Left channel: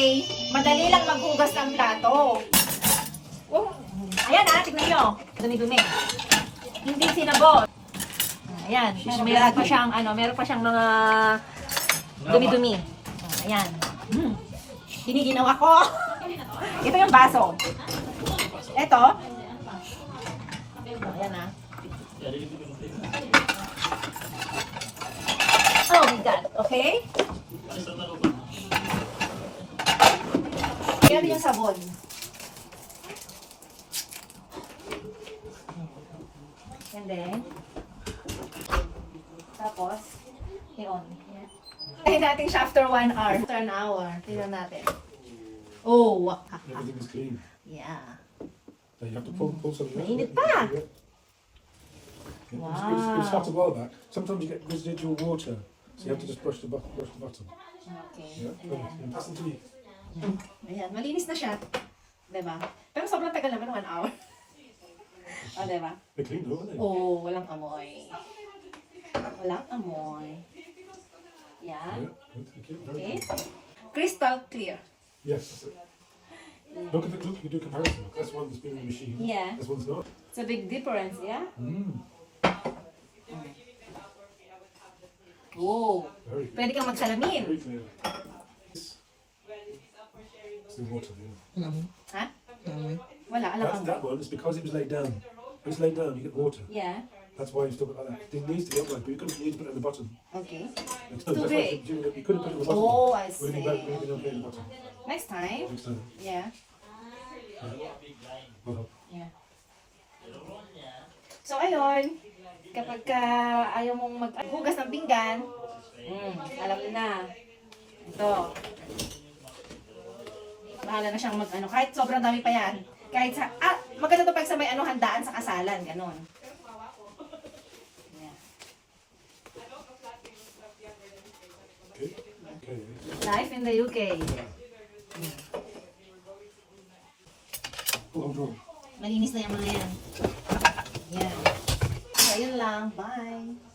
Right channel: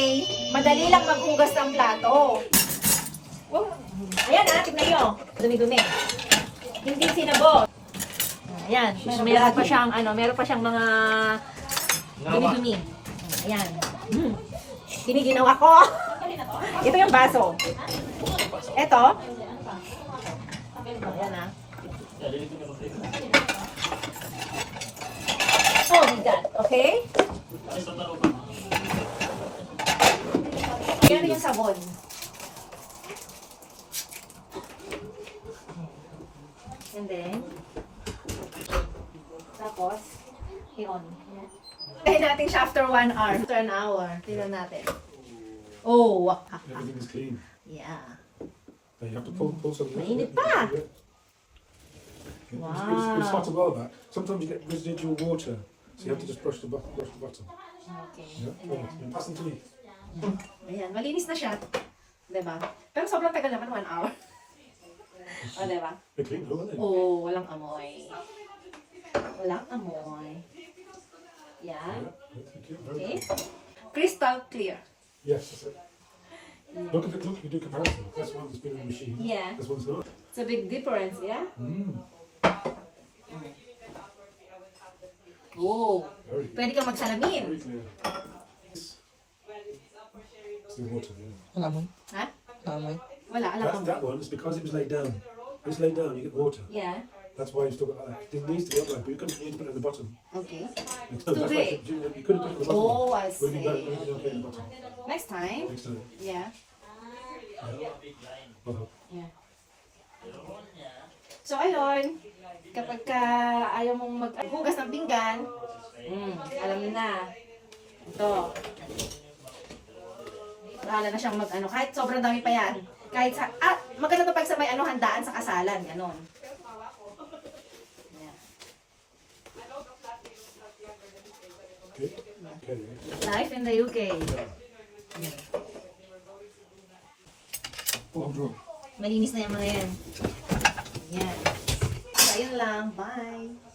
okay, madali lang maghugas ng plato. Oh, ayan tignan nyo. Dumi-dumi. Hindi sinabot. Ayan, meron pa siyang mga dumi-dumi. Ayan. Giniginawa ko. Ito yung baso. Ito. Ayan na. Oh my God. Okay? Yan yung sabon. And then, tapos, yun. Tayo natin siya after 1 hour. After an hour. Tignan natin. Oh, Everything is clean. yeah. So you have to pull some. Mainit pa. It's hot as well. That sometimes you get residual water, so you have to just brush the bottom. Okay. Yeah. And pass them to me. Ayan, malinis na siya. Diba? Pero sobrang tagal naman, 1 hour. O, diba? They're clean though, aren't they? Oh, walang amoy. Walang amoy. Yan. Yeah, thank you. Very Okay. good. Crystal clear. Yes. That's it. Look at the look. You do comparison. That's one that's been in the machine. Yeah. This one's not. It's a big difference, yeah? Oh, Very good. pwede kang magsalamin. Very clear. It's the water. Yeah. Wala mo. Ha? Wala mo. Wala, alam ka. That one is because it was laid down. If it's laid down, you get water. Yeah. That's why you still got that. It needs to be upright, but you couldn't need to put it at the bottom. Okay. That's why big. you couldn't put it at the bottom. Oh, I Would be better see. if you don't put it at the bottom. Next time. Next time. Yeah. Well, Yeah. So, ayun. Kapag ayaw mong maghugas ng pinggan, alam mo na. Ito. Bahala na siyang kahit sobrang dami pa yan. Kahit sa, maganda to pag sa may handaan sa kasalan, ganun. Yeah. okay. Okay. Life in the UK. Oh, I'm drawn. Malinis na yung mga yan. Yan. So, ayun lang. Bye.